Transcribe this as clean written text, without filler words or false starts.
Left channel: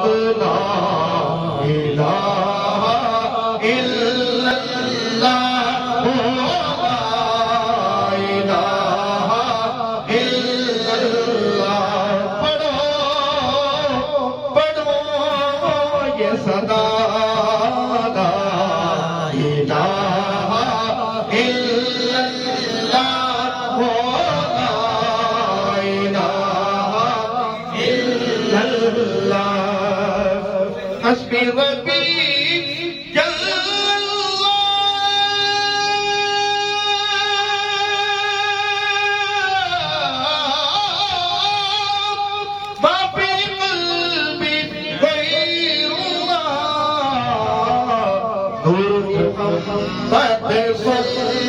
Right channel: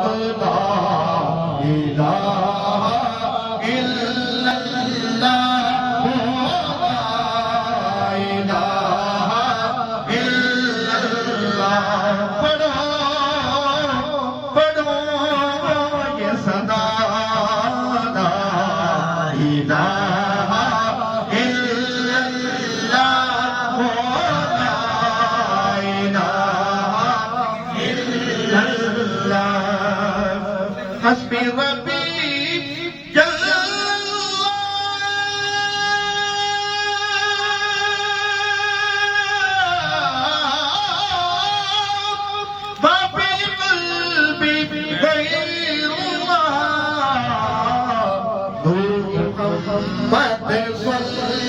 لا الہ الا اللہ لا الہ الا اللہ پڑھو یہ صدا لا الہ الا اللہ لا الہ الا اللہ حسبی ربی جل محمد صلی